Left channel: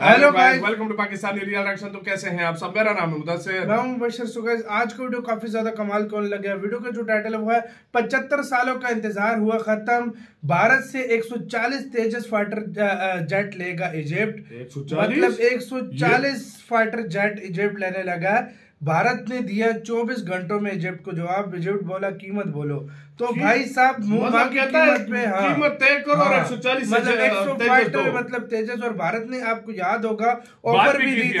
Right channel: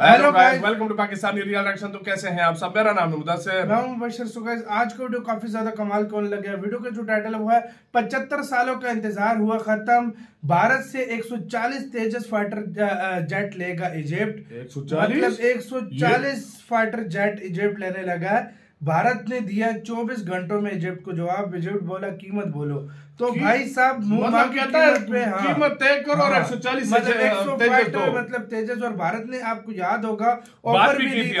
Hello guys, welcome to Pakistani real action. तो कैसे हैं आप सब? मेरा नाम है मुदस्सिर। मैं हूं मुबशर। सो गाइस, आज का वीडियो काफी ज्यादा कमाल का लग गया। वीडियो का जो टाइटल है वो है 75 सालों का इंतजार हुआ खत्म, भारत से 140 तेजस फाइटर जेट लेगा इजिप्ट। 140? मतलब 140 फाइटर जेट इजिप्ट लेने लगा है। भारत ने दिया 24 घंटों में इजिप्ट को जवाब। इजिप्ट बोला कीमत बोलो, तो भाई साहब मुंह मांगी कीमत पे कीमत तय करो और 140 मतलब 100 फाइटर मतलब तेजस। और भारत ने, आपको याद होगा, ऑफर भी दी थी।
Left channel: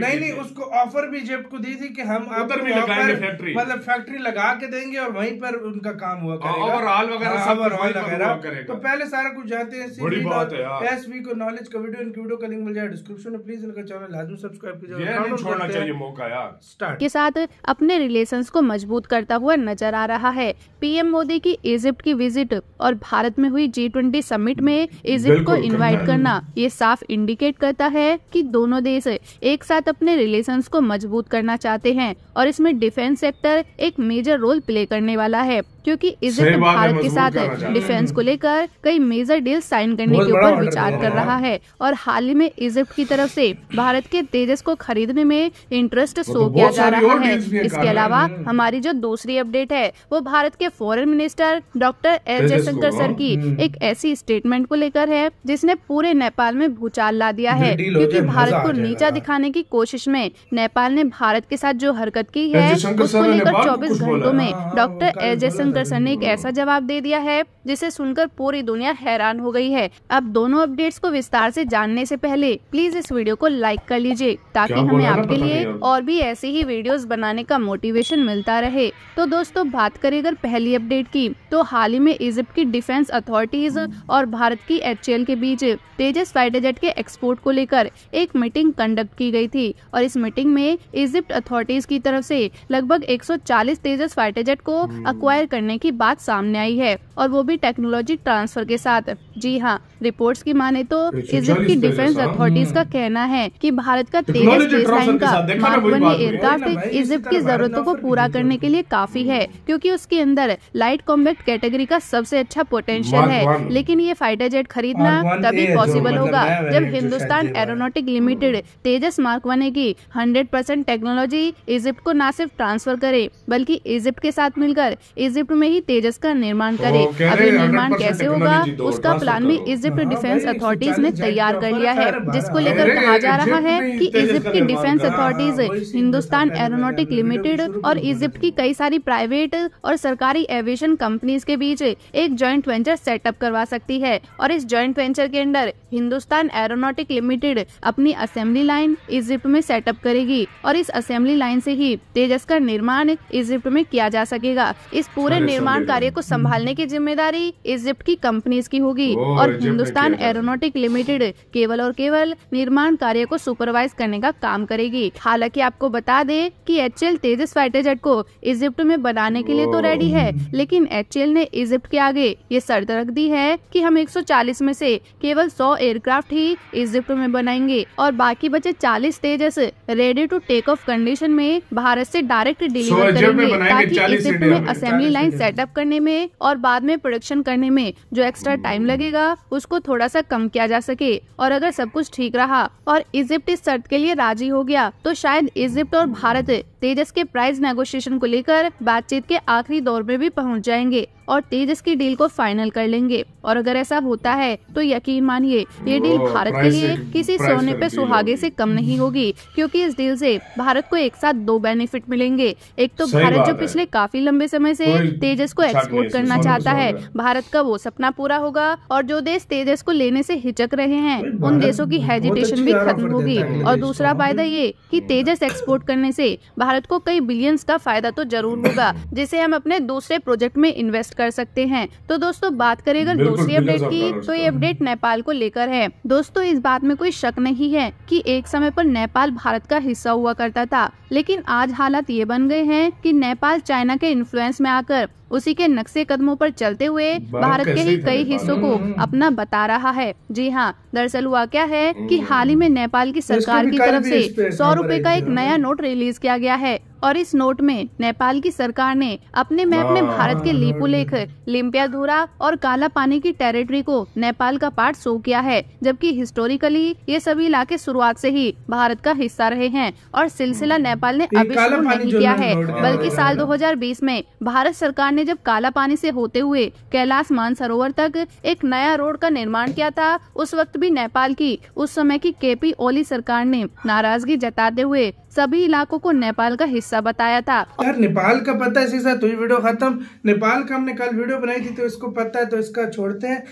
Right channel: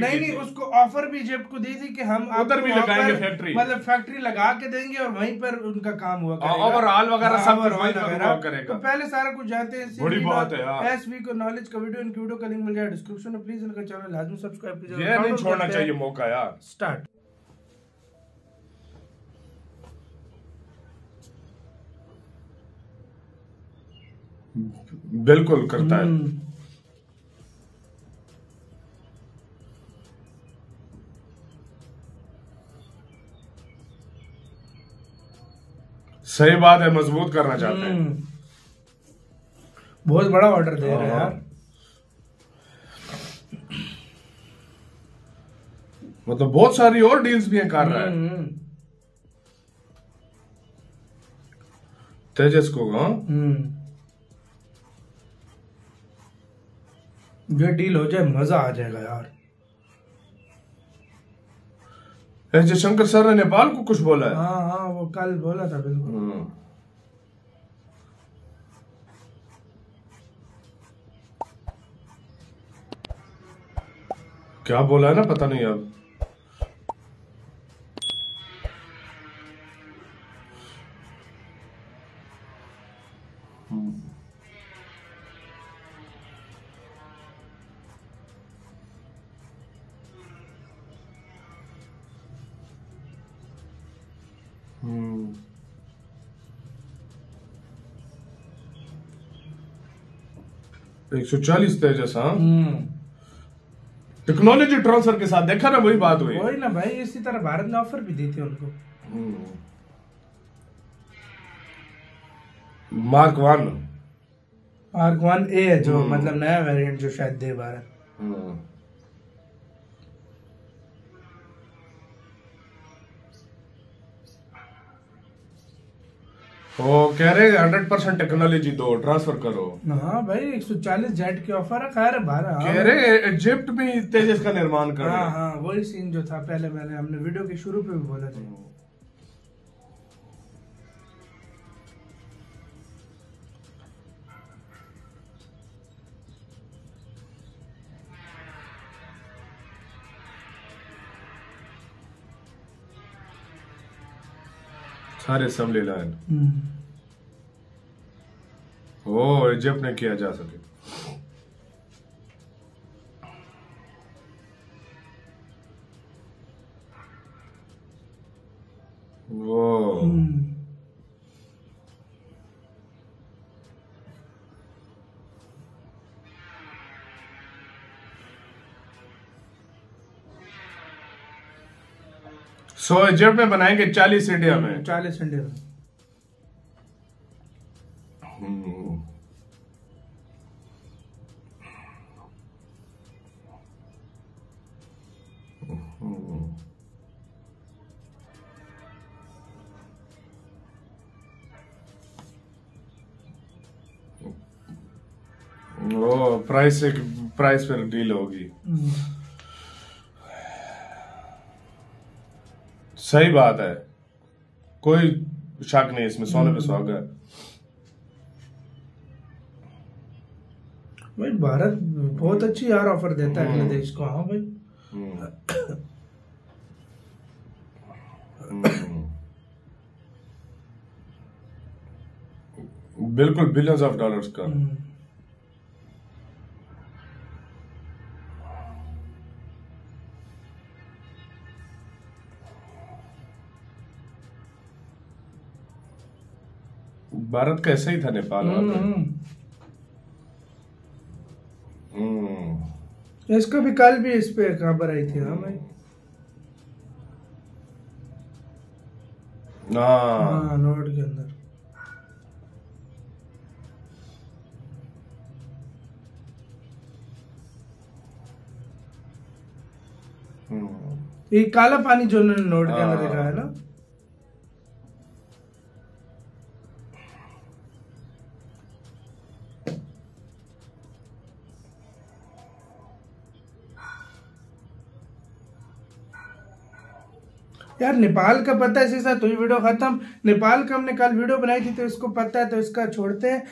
नहीं, उसको ऑफर भी इजिप्ट को दी थी कि हम उधर भी लगाएंगे फैक्ट्री, मतलब फैक्ट्री लगा के देंगे और वहीं पर उनका काम हुआ करेगा, ओवरऑल वगैरह सब करेगा। तो पहले सारा कुछ जानते हैं। बड़ी बात है यार। एसवी को नॉलेज का वीडियो, इनकी वीडियो का लिंक मिल जाएगा डिस्क्रिप्शन में। प्लीज इनका चैनल लाजमी सब्सक्राइब कीजिए, ये नहीं छोड़ना चाहिए मौका यार। स्टार्ट के साथ अपने रिलेशंस को मजबूत करता हुआ नजर आ रहा है। पीएम मोदी की इजिप्ट की विजिट और भारत में हुई G20 समिट में इजिप्ट को इनवाइट करना, ये साफ इंडिकेट करता है कि दोनों देश एक साथ अपने रिलेशंस को मजबूत करना चाहते हैं और इसमें डिफेंस सेक्टर एक मेजर रोल प्ले करने वाला है, क्योंकि इजिप्ट भारत के साथ डिफेंस को लेकर कई मेजर डील साइन करने के ऊपर विचार कर रहा है। और हाल ही में इजिप्ट की तरफ से भारत के तेजस को खरीदने में इंटरेस्ट शो किया जा रहा है। इसके अलावा हमारी जो दूसरी अपडेट है वो भारत के foreign minister doctor S Jaishankar sir की एक ऐसी स्टेटमेंट को लेकर है जिसने पूरे नेपाल में भूचाल ला दिया है, क्योंकि भारत को नीचा दिखाने की कोशिश में नेपाल ने भारत के साथ जो हरकत की है उसको लेकर 24 घंटों में डॉक्टर एस जयशंकर सर ने एक ऐसा जवाब दे दिया है जिसे सुनकर पूरी दुनिया हैरान हो गई है। अब दोनों अपडेट्स को विस्तार से जानने से पहले प्लीज इस वीडियो को लाइक कर लीजिए ताकि हमें आपके लिए और भी ऐसे ही वीडियोस बनाने का मोटिवेशन मिलता रहे। तो दोस्तों, बात करें अगर पहली अपडेट की, तो हाल ही में इजिप्ट की डिफेंस अथॉरिटीज और भारत की HAL के बीच तेजस फाइटर जेट के एक्सपोर्ट को लेकर एक मीटिंग कंडक्ट की गई थी। और इस मीटिंग में इजिप्ट अथॉरिटीज की तरफ से लगभग 140 तेजस फाइटर जेट को अक्वायर करने की बात सामने आई है, और वो भी टेक्नोलॉजी ट्रांसफर के साथ। जी हाँ, रिपोर्ट्स की माने तो इजिप्ट की डिफेंस अथॉरिटीज का कहना है कि भारत का तेजस एयरक्राफ्ट इजिप्ट की जरूरतों को पूरा करने के लिए काफी है, क्योंकि उसके अंदर लाइट कॉम्बैक्ट कैटेगरी का सबसे अच्छा पोटेंशियल है। लेकिन ये फाइटर जेट खरीदना तभी पॉसिबल होगा जब हिंदुस्तान एरोनॉटिक लिमिटेड तेजस मार्क 1 की 100% टेक्नोलॉजी इजिप्ट को न सिर्फ ट्रांसफर करे बल्कि इजिप्ट के साथ मिलकर इजिप्ट में ही तेजस का निर्माण करे। अभी निर्माण कैसे होगा उसका प्लान भी इजिप्ट डिफेंस अथॉरिटीज ने तैयार कर लिया है, जिसको लेकर कहा जा रहा है कि इजिप्ट की defence authorities Hindustan aeronautic limited और इजिप्ट की कई सारी प्राइवेट और सरकारी एविएशन कंपनीज के बीच एक जॉइंट वेंचर सेटअप करवा सकती है। और इस जॉइंट वेंचर के अंदर हिंदुस्तान एरोनॉटिक लिमिटेड अपनी असेंबली लाइन इजिप्ट में सेटअप करेगी और इस असेंबली लाइन से ही तेजस का निर्माण इजिप्ट में किया जा सकेगा। इस पूरे निर्माण कार्य को संभालने की जिम्मेदारी इजिप्ट की कंपनीज की होगी और हिंदुस्तान एरोनॉटिक लिमिटेड केवल और केवल निर्माण कार्य को सुपरवाइज करने का काम करेगी। हालांकि आपको बता दे कि HAL तेजस फाइटर जेट को इजिप्ट में बनाने के लिए तो रेडी है, लेकिन HAL ने इजिप्ट के आगे ये शर्त रख दी है कि हम 140 में से केवल 100 एयरक्राफ्ट ही इजिप्ट में बनाएंगे और बाकी बचे 40 Tejas ready to take off condition में भारत से डायरेक्ट डिलीवर करेंगे। असेंबली लाइन सेटअप करने में और बाद में प्रोडक्शन करने में जो एक्स्ट्रा टाइम लगेगा उसको थोड़ा सा कम किया जा सके। और अगर सब कुछ ठीक रहा और इजिप्ट इस शर्त के लिए राजी हो गया तो शायद इजिप्ट और भारत तेजस के प्राइस नेगोशिएशन को लेकर बातचीत के आखिरी दौर में भी पहुंच जाएंगे और तेजस की डील को फाइनल कर लेंगे। और अगर ऐसा होता है तो यकीन मानिए ये डील भारत के लिए किसी सोने पे सुहागे से कम नहीं होगी, क्योंकि इस डील से भारत को एक साथ 2 बेनिफिट मिलेंगे। एक तो भारत जो पिछले काफी लंबे समय से तेजस को एक्सपोर्ट करना चाहता है, भारत का वो सपना पूरा होगा और जो देश तेजस को लेने से हिचक रहे हैं उन देशों की हेजिटेशन भी खत्म होगी। और दूसरा फायदा ये कि तेजस एक्सपोर्ट करने से भारत को कई बिलियंस का फायदा तो जरूर होगा, जिसे हम अपने दूसरे प्रोजेक्ट में इन्वेस्ट कर सकते हैं। तो दोस्तों, बात करें अगर दूसरी अपडेट की, तो ये अपडेट नेपाल को लेकर है। दोस्तों, इस बात में कोई शक नहीं है कि एक समय पर नेपाल भारत का हिस्सा हुआ करता था, लेकिन आज हालात ये बन गए हैं कि नेपाल चाइना के इन्फ्लुएंस में आकर उसी के नक्शे कदमों पर चलते हुए भारत के ही कई हिस्सों को अपना बता रहा है। जी हाँ, दरअसल हुआ क्या है कि हाल ही में नेपाल की सरकार की तरफ से 100 रुपए का एक नया नोट रिलीज किया गया है और इस नोट में नेपाल की सरकार ने अपने मैप में भारत के लीपुलेख लेख लिम्पियाधुरा और काला पानी की टेरिटरी को नेपाल का पार्ट शो किया है, जबकि हिस्टोरिकली ये सभी इलाके शुरुआत से ही भारत का हिस्सा रहे हैं और सिलसिला नेपाल ने अभी शुरू नहीं किया है, बल्कि साल 2020 में भारत सरकार ने जब काला पानी से होते हुए कैलाश मानसरोवर तक एक नया रोड का निर्माण किया था, उस वक्त भी नेपाल की उस समय की केपी ओली सरकार ने नाराजगी जताते हुए सभी इलाकों को नेपाल का हिस्सा बताया था। यार नेपाल का पता है, इसी के साथ हुई वीडियो खत्म। नेपाल का हमने कल वीडियो बनाई थी तो इसको पता है, तो इसका छोड़ते हैं।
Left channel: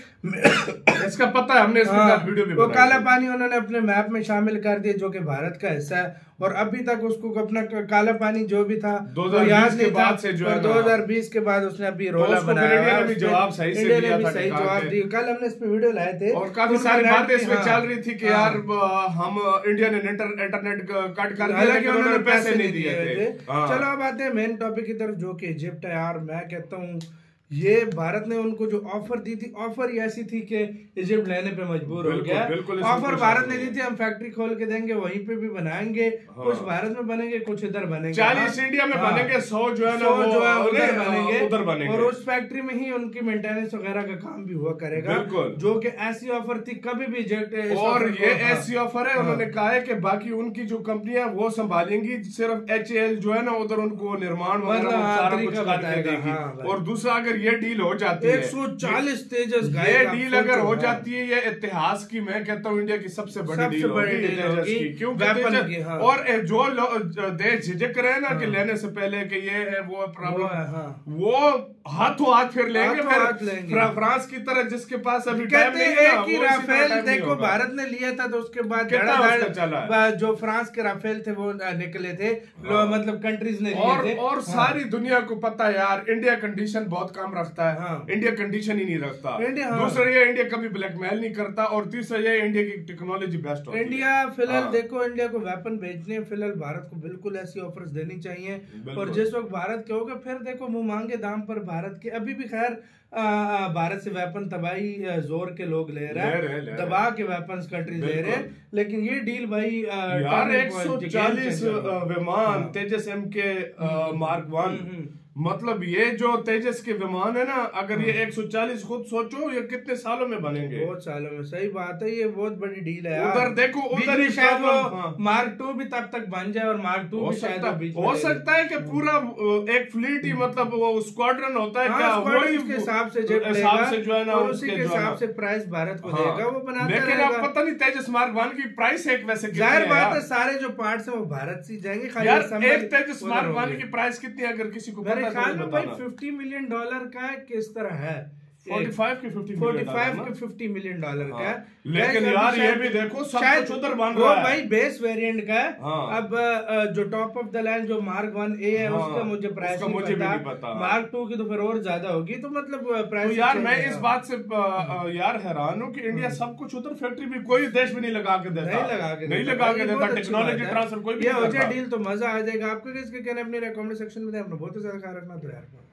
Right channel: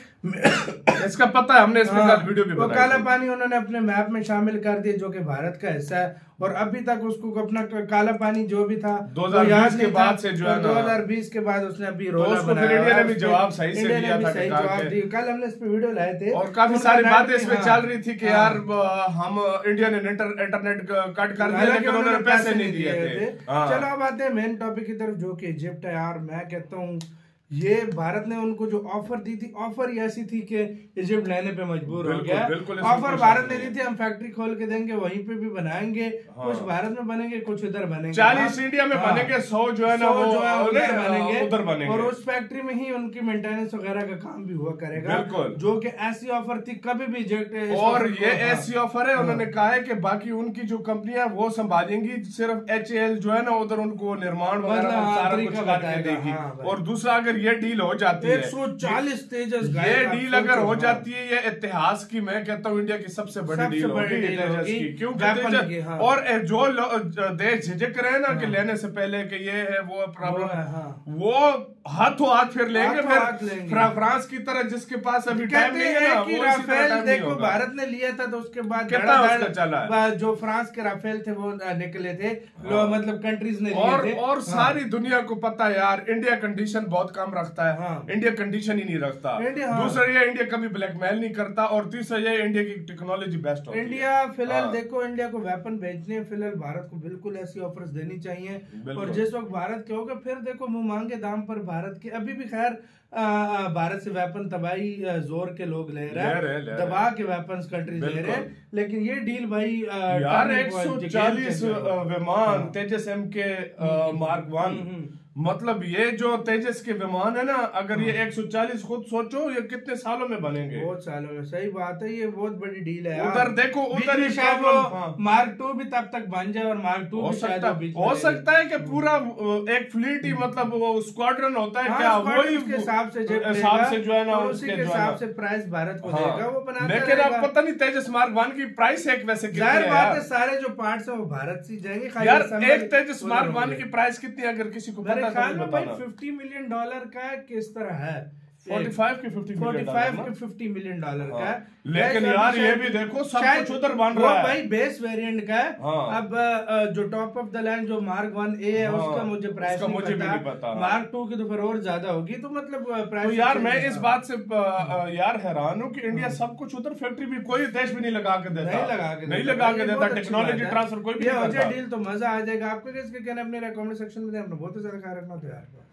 इसका पता है, हमने इसके साथ वीडियो भी बनाई। वो काला पानी उन्होंने अपने मैप में शामिल कर दिया जो कि भारत का हिस्सा है, और अभी तक उसको अपना काला पानी जो भी था 2020 के बाद से जो है 2020 के बाद उसने अभी रोला बनाया, जवाब सही से जवाब दिया। कल हमने इस पे वीडियो लाए थे और काफी सारी बातें इसमें चल रही थी कि यार हम इंडिया ने इंटरनेट कट कर दिया, लेकिन उन्होंने पैसे नहीं दिए थे। चलो अब आते हैं मेन टॉपिक की तरफ, जो कि इजिप्ट है। यार मैं कहता हूँ ये भारत ने उनको जो ऑफर दी थी, ऑफर ही ऐसी थी कि इजिप्ट लेने पे मजबूर हो गया। ऑफर भारत ने दी थी, हम फैक्ट्री खोल के देंगे, वहीं पे भी बनाएंगे। कुछ भारत में बनेंगे, कुछ इधर बनेंगे, 40 इंडिया में बनेंगे, 100 जो है ना उधर बनेंगे, और उस फैक्ट्री में ही उनकी मेंटेनेंस वगैरह का काम भी हुआ करेगा, जो कि ऐसी ऑफर थी कभी भी इजिप्ट। और ये ऐसी ऑफर है, उन्होंने कहा है कि बाकी उनकी जो कंपनियां वो संभालेंगी, सिर्फ HAL जो है ना उधर उनको निर्माण बताएगा। और दूसरा अगर ये डील हो जाती है 140 तेजस, ये डील अगर हो जाती है, ये इतिहास की मैं कहता हूँ इंडिया की सबसे बड़ी डील होगी, क्योंकि और जो देश झिझक रहे हैं ना कि लेने से पहले कि ये है वो प्रॉब्लम, वो हाथों हाथ फिर लेंगे। फिर फ्रांस की तरह जिसके पास अभी टाइम नहीं है कि राफेल देखो भारत ने लिया था, तो उसके बाद जो फ्रांस के राफेल थे वो निकले थे, मतलब कंट्रीज ने लिए थे। और सारी दुनिया को पता है यार इंडिया कंडीशन बहुत कम रखता है। इंडिया कंडीशन ही नहीं रखता। दूसरा ये इंडिया कभी ब्लैकमेल नहीं करता, और तीसरा ये इंडिया की टेक्नोलॉजी बेस्ट होती है। इंडिया फिलहाल देखो, इंडिया को वेपन भेजने फिलहाल भारत को बिल्कुल ऐसी ऑफर्स देनी चाहिए, और जिस वक्त भारत के होगा फिर देखो मुंह मांगे दाम पर भारत के अभी भी खैर भारत से वेपन तबाही जोर के लोग ले रहे हैं, दबा के वेपन कंट्रीज ले रहे हैं, लेकिन ये डील भाई यार 140 विमान तेजस MK Mark 1, मतलब ये जो तेजस के विमान है ना, अगर ये 140 खुद सोचो ये कितने सालों में बनेंगे। बहुत सालों में, सही बात है, ये बहुत बड़ी डील है। उधर देखो, उधर ही शायद वो Mark 2 भी तब तक बन जाए, और Mark 2 भी शायद हो सकता है कि पूरा एक फ्लीट ही, मतलब वो स्क्वाड्रन होता है क्या, वही के हिसाब से जो है ना उसी के हिसाब से प्राइस भारत को देगा, वो बनाता है। लेकिन आप पता नहीं तेजस Mark 1 की प्राइस एक वैसे जाहिर बात है सारे जो पार्ट्स हैं वो भारत से जाएंगे। यार एक तेजस Mark 1 की प्राइस कितनी है अगर किसी को पता है भाई $50 मिलियन का किस तरह है, 45 के 50 मिलियन डॉलर का है। लेकिन यार ये भी देखो सब कुछ उधर बन रहा है, भाई बेस वेरिएंट का है। अब जो टॉप ऑफ द लाइन जो Mark 1A है उसका मुझे प्राइस नहीं पता, Mark 2 की तो फिर और ज्यादा होगी, तो मतलब प्राइस। यार मैं इस बात से यार हैरान हूँ कि इंडिया सब कुछ उधर फैक्ट्री भी कोई देश भी नहीं लगा के देता, नहीं लगा के देता टेक्नोलॉजी ट्रांसफर कोई भी। ये हो जाए डील तो मजा आ जाएगा। आपको किसके कहना अपने कमेंट सेक्शन में, अपना बहुत ज्यादा ख्याल रखना तो यार।